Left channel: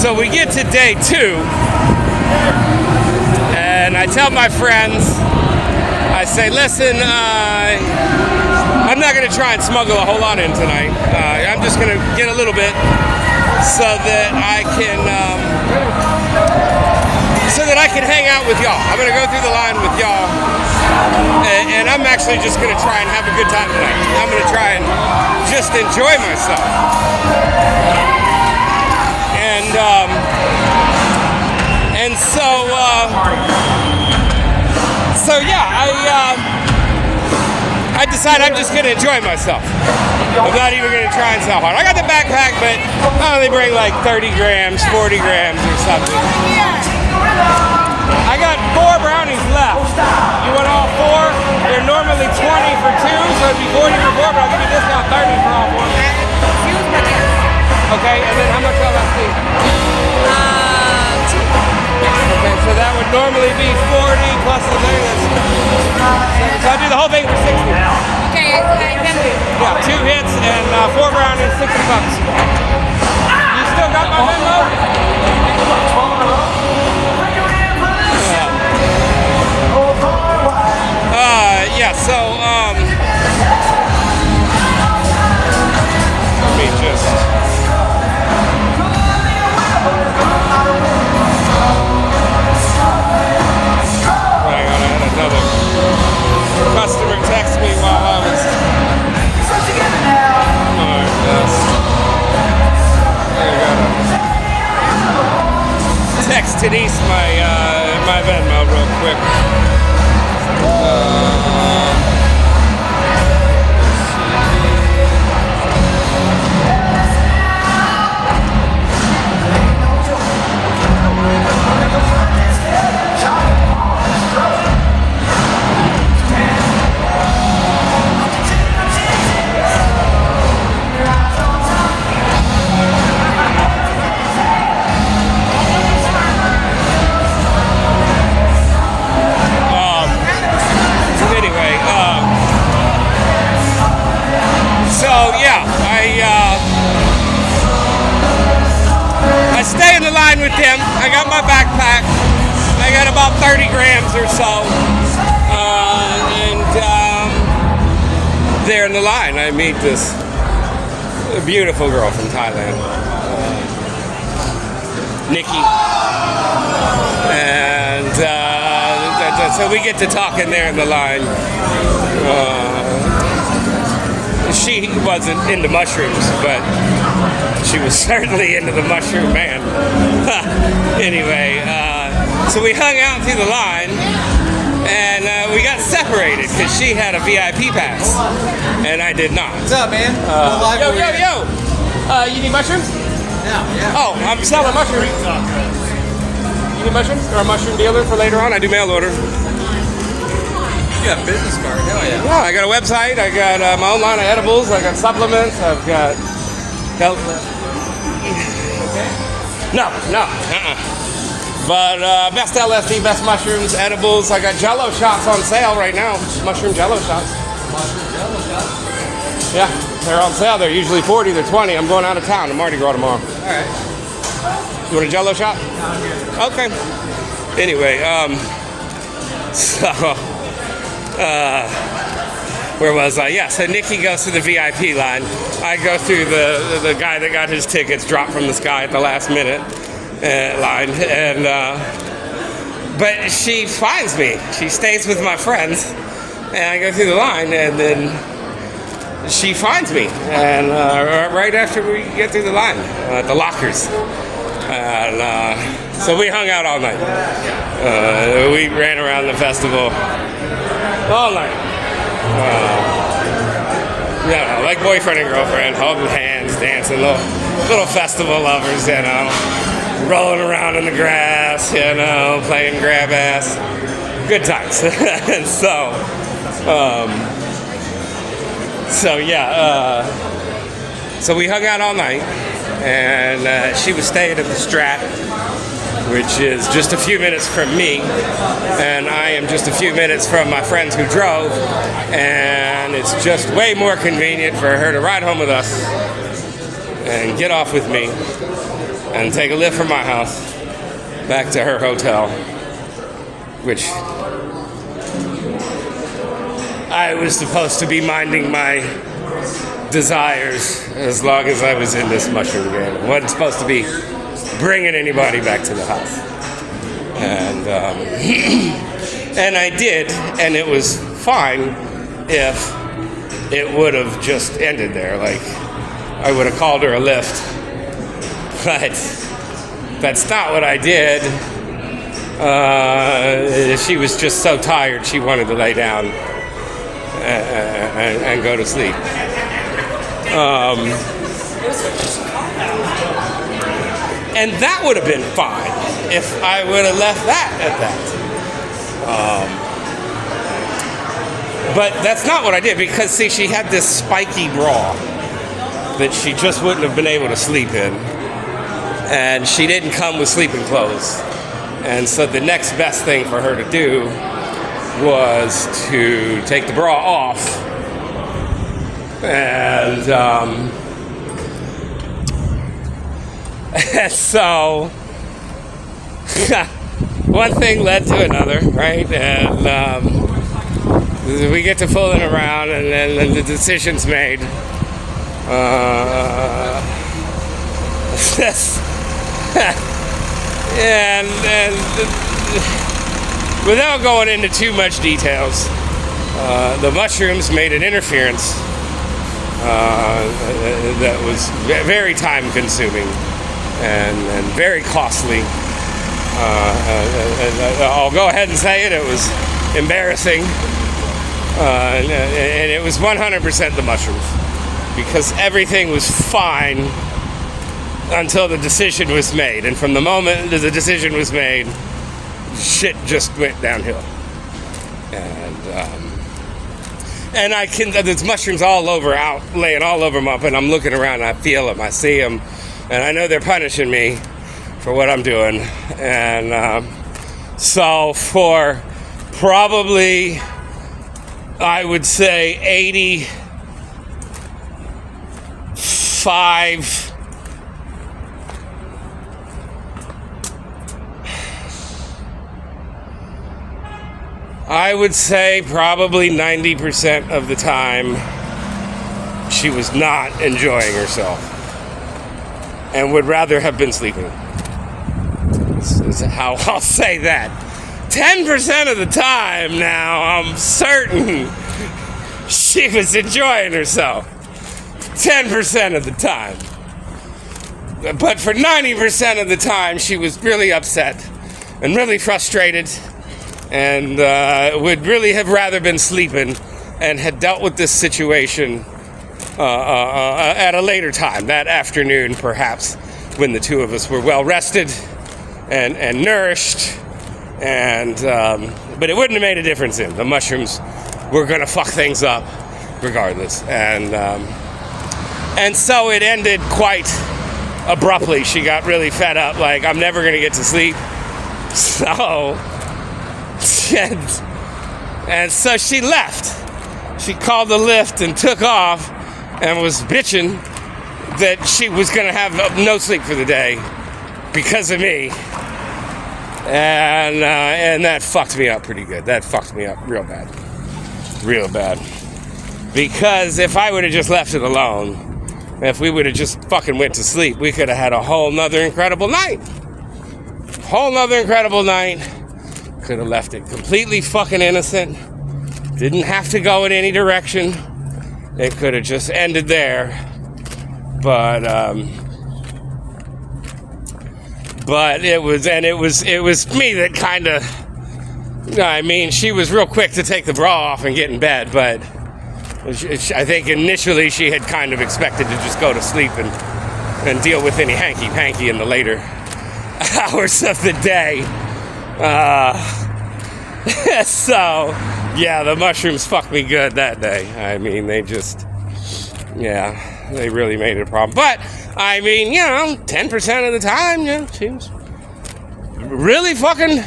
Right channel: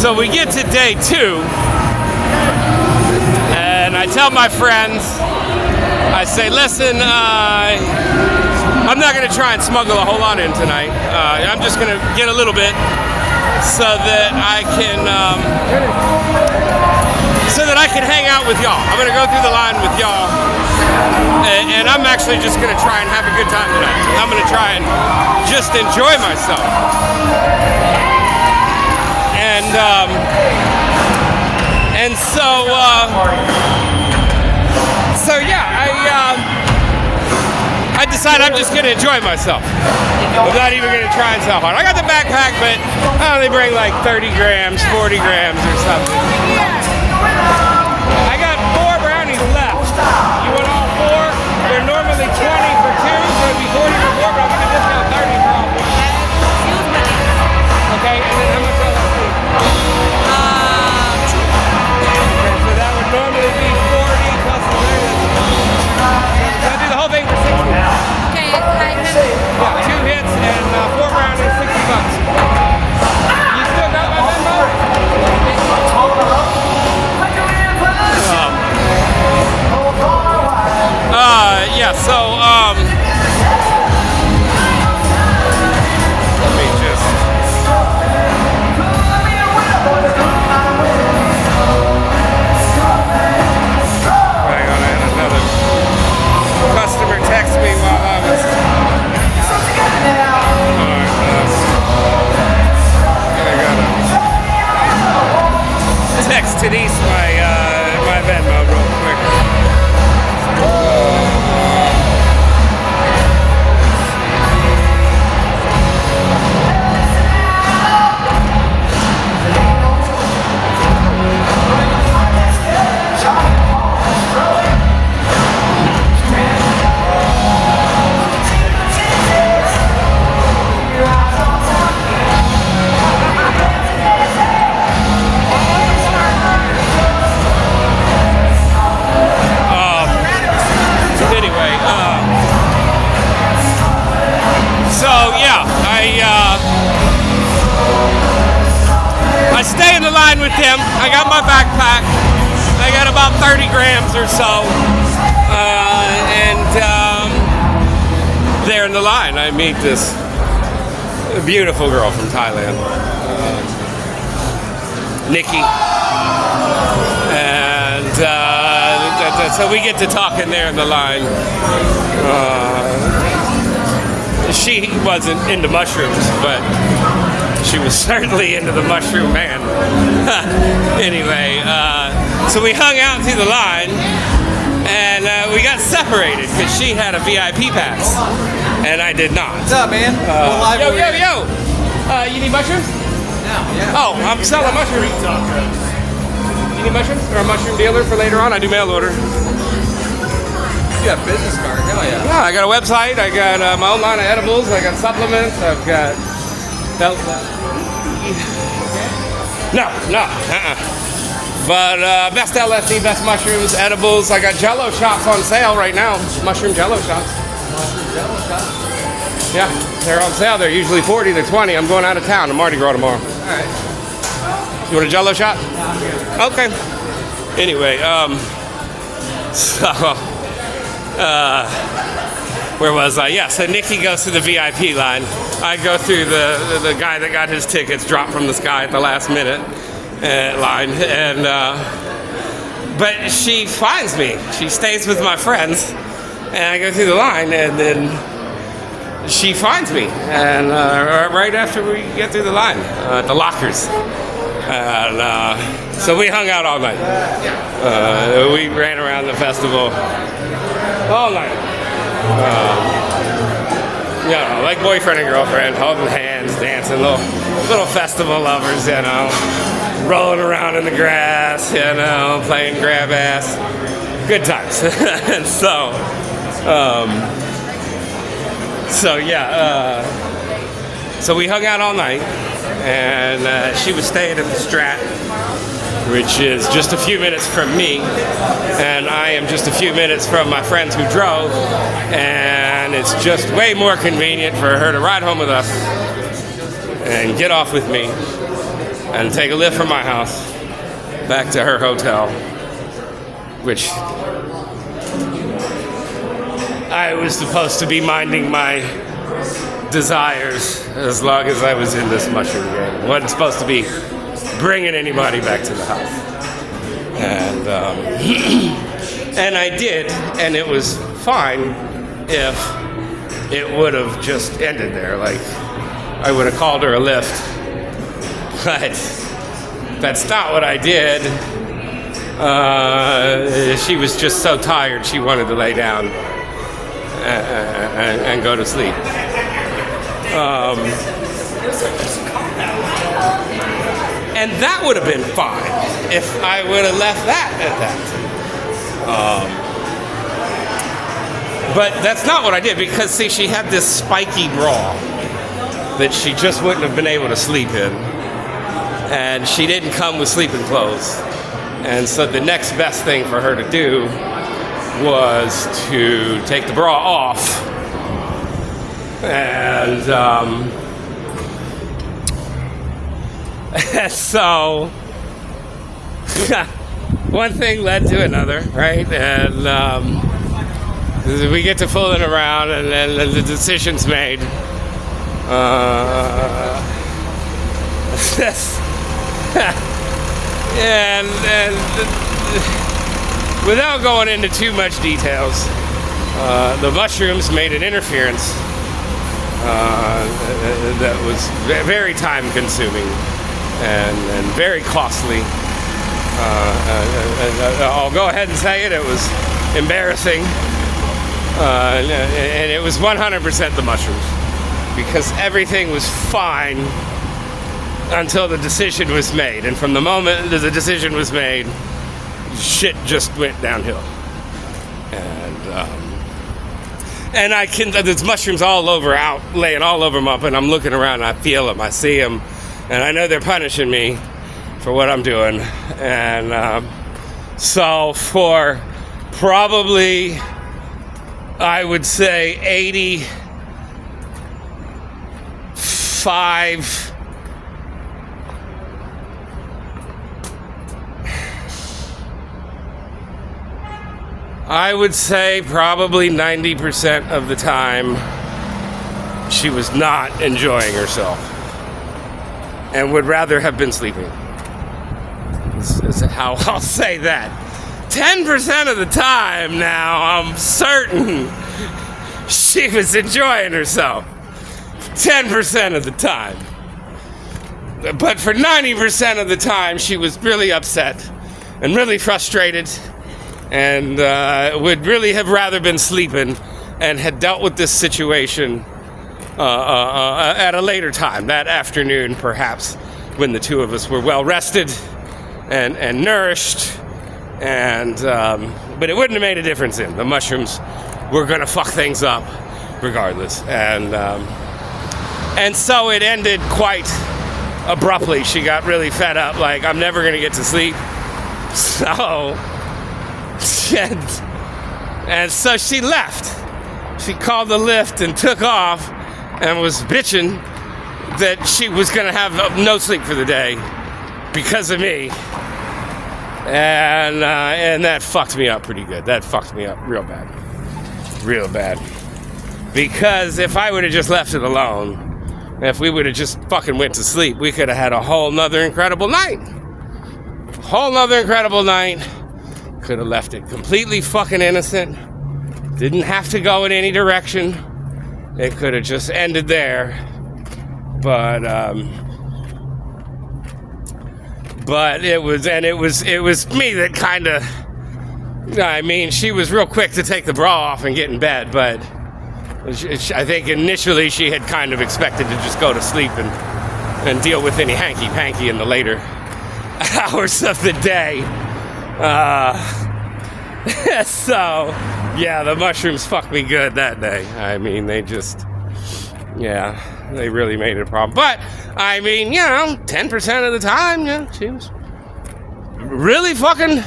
So we get to day 2, and I tell my friends, I say, listen, I'm not going to try and smuggle a whole lot in tonight. I'm just going to get a little bit so that I can hang out with y'all. I'm going to go through the line with y'all, and I'm actually just going to try and have a good time tonight. I'm going to try and just enjoy myself. And so yeah, I decided I'm just going to enjoy myself. I'm not even going to try and sell hard. I got the backpack, but I only bring like 30 grams, 40 grams or something. I got 4 brownies left. You want all 4? They're normally 20 for 2, so it'd be 40 for 4, but I'll give you this now, 30 for all 4. Okay, and then how much will that be? Okay, so that would normally be 40 plus the 30. So I'll do the whole thing for 60. Okay, Yeah, 2 hits and 4 brownies, $60. You still got my Venmo? Yeah, so, let me just... Another customer text me while I was... Text Denise my Venmo real quick. I stay in the line with them. I got my backpack. I got about 30 grams or so. There in the line, I meet this beautiful girl from Thailand, Nikki. And so we get to talking there in the line. She wasn't into mushrooms, but she was certainly into the mushroom man. Anyway, so we hung out through the line, and we got separated because she had a VIP pass, and I did not. What's up, man? Yo! You need mushrooms? Yeah. Oh, I'm selling mushrooms. You need mushrooms? Or a mushroom dealer for later on? I do mail order. You got a business card, hell yeah. Yeah, I got a website. I got my own line of edibles. I got supplements. I've got... No. But best LSD, best mushrooms, edibles. I got Jello shots on sale right now. Mushroom Jello shots. Yeah, they're on sale. They're usually 40. They're 20. I'm going out of town. I'm Mardi Gras tomorrow. All right. You want a Jello shot? Yeah, I'm good. Okay. Anyway, where was I? Yeah, so Nikki goes to the VIP line. I go through the guy that got his tickets dropped from the sky at the last minute line, and but she finds me. She stays with my friends, and I go through the line, and then she finds me, and right after we get through the line, the lockers, and so we hung out all night. We ran around the festival all night. Like boyfriend and girlfriend, holding hands, dancing, little festival lovers, you know, rolling around in the grass, you know, playing grab ass, good times. So we hung out all night, and she was staying at the Strat, which is just a few minutes from me, and I am just a few minutes from my friends who drove, and it's just way more convenient for her to ride home with us and get off with me and take a lift from my house back to her hotel, which I was supposed to be minding my desires as long as I was in this mushroom game. Wasn't supposed to be bringing anybody back to the house. And and I did, and it was fine if it would have just ended there. Like, I would have called her a lift. But that's not what I did. She was just so tired, she wanted to lay down and go to sleep. And that would have been fine if I would have left that at that. But that's not what I did, because, see, she had this spiky bra that she just wouldn't have been able to sleep in. And she didn't come with sleeping clothes. And so the next best thing for her to do was to take the bra off. And so one thing led to another, right? And we get to fooling around, and then the decision's made. And without going into too much details, the mushrooms made an interference that was very time-consuming and very costly. I'll go ahead and say it. It was embarrassing, and it was 100% the mushrooms, because everything was fine until the decision was made, and from the moment the decision was made, shit just went downhill. And I can, there's mushrooms all over, out laying all over my, and I'm looking around, I feel them, I see them, and I know they're punishing me for what I'm doing. And so for probably, I would say 85, I would say probably 90% of the time she was not enjoying herself and would rather have been sleeping. That's how I'll say that. 10% of the time now, I'm certain she was enjoying herself. 10% of the time. But for 90% of the time, she was really upset and really frustrated, and would really have rather been sleeping, and had dealt with this situation at a later time, that afternoon perhaps, when the two of us were well rested and nourished, and but it wouldn't have made a difference then. The mushrooms were gonna fuck things up regardless, and so it ended quite abruptly. She got really fed up, like, I'm never gonna get to sleep, so and so she left. She called the lift and took off, and was bitching that she was gonna have no sleep for the day because of me, and that fucked me up pretty good. That fucked me up real bad, because if I would have just left it alone, if we would have just fucking went to sleep, we could have had a whole nother incredible night. Could have left it completely fucking innocent. Didn't have to go in any direction. It could have just ended there. But it was me that kind of, I mean, she was real quick to take the bra off and get in bed, but I think initially she had kind of expected to just go to sleep and deal with any hanky-panky in the later hours of the day. So, yeah, the mushrooms fucked me good that day. I mean, they really made it a problem. But, I mean, 10% of the time, she was really fucking,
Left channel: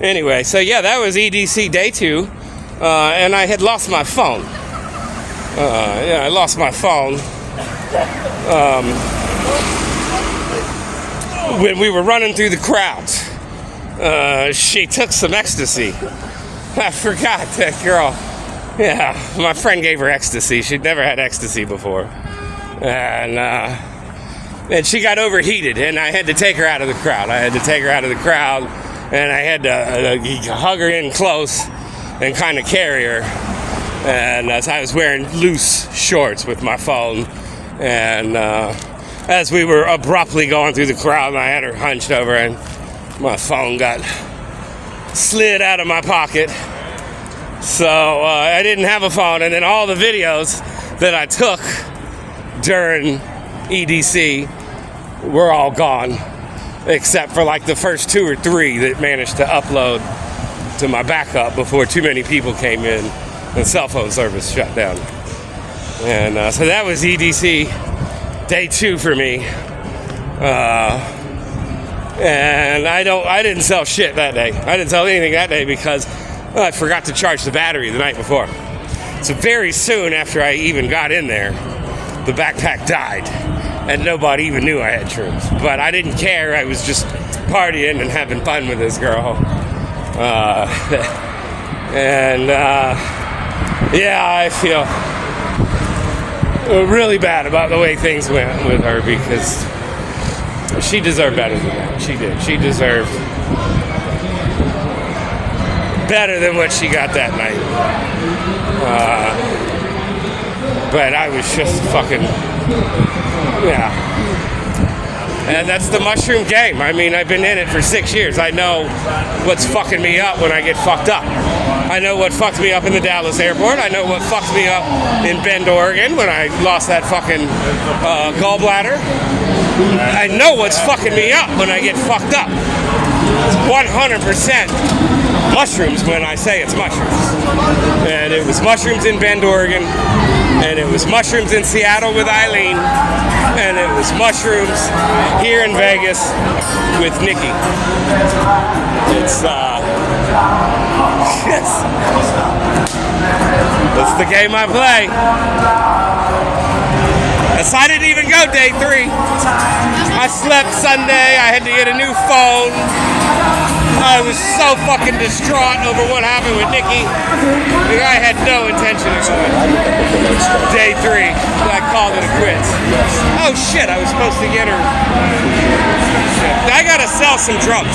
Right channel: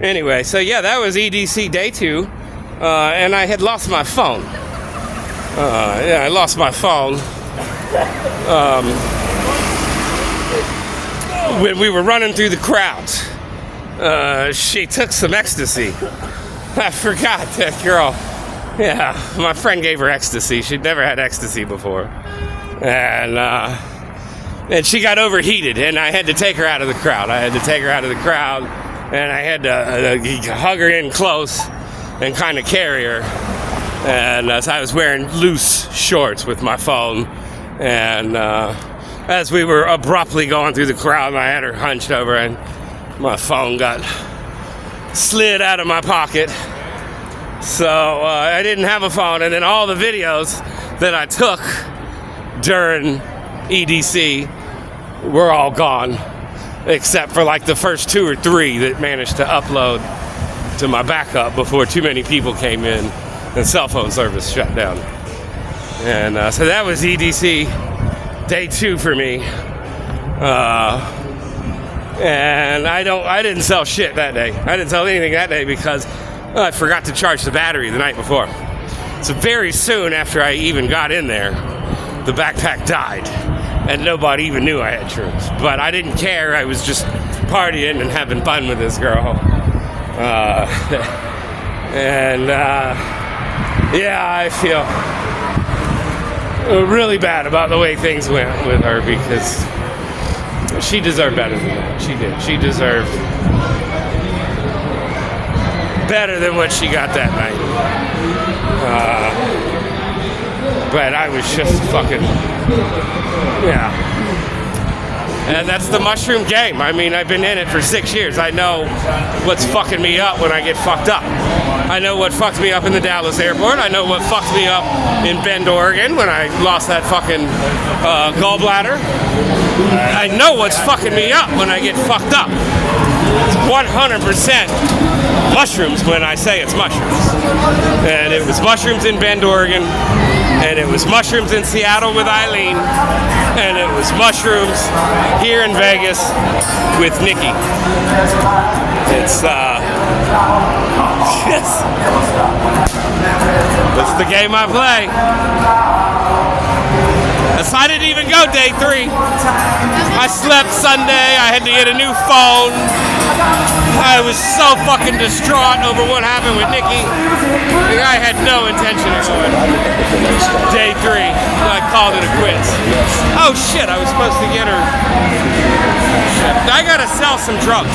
Anyway, so that was EDC day 2, and I had lost my phone. I lost my phone. when we were running through the crowds, she took some ecstasy. I forgot that girl. Yeah, my friend gave her ecstasy. She'd never had ecstasy before. And she got overheated, and I had to take her out of the crowd. And I had to hug her in close and kind of carry her. And so I was wearing loose shorts with my phone. And as we were abruptly going through the crowd, I had her hunched over, and my phone got slid out of my pocket. So I didn't have a phone, and then all the videos that I took during EDC were all gone, except for like the first 2 or 3 that managed to upload to my backup before too many people came in and cell phone service shut down. And so that was EDC day 2 for me. And I didn't sell shit that day. I didn't sell anything that day because I forgot to charge the battery the night before. So very soon after I even got in there, the backpack died, and nobody even knew I had shrooms. But I didn't care. I was just partying and having fun with this girl. Yeah, I feel really bad about the way things went with her because she deserved better than that. She did. She deserved better than what she got that night. But I was just fucking, yeah. And that's the mushroom game. I mean, I've been in it for 6 years. I know what's fucking me up when I get fucked up. I know what fucked me up in the Dallas airport. I know what fucked me up in Bend, Oregon when I lost that fucking gallbladder. I know what's fucking me up when I get fucked up. It's 100% mushrooms when I say it's mushrooms. And it was mushrooms in Bend, Oregon. And it was mushrooms in Seattle with Eileen. And it was mushrooms here in Vegas with Nikki. It's it's the game I play. So I didn't even go day 3. I slept Sunday. I had to get a new phone. I was so fucking distraught over what happened with Nikki. I had no intention of going. Day 3, I called it a quits. Oh shit, I was supposed to get her. I gotta sell some drugs.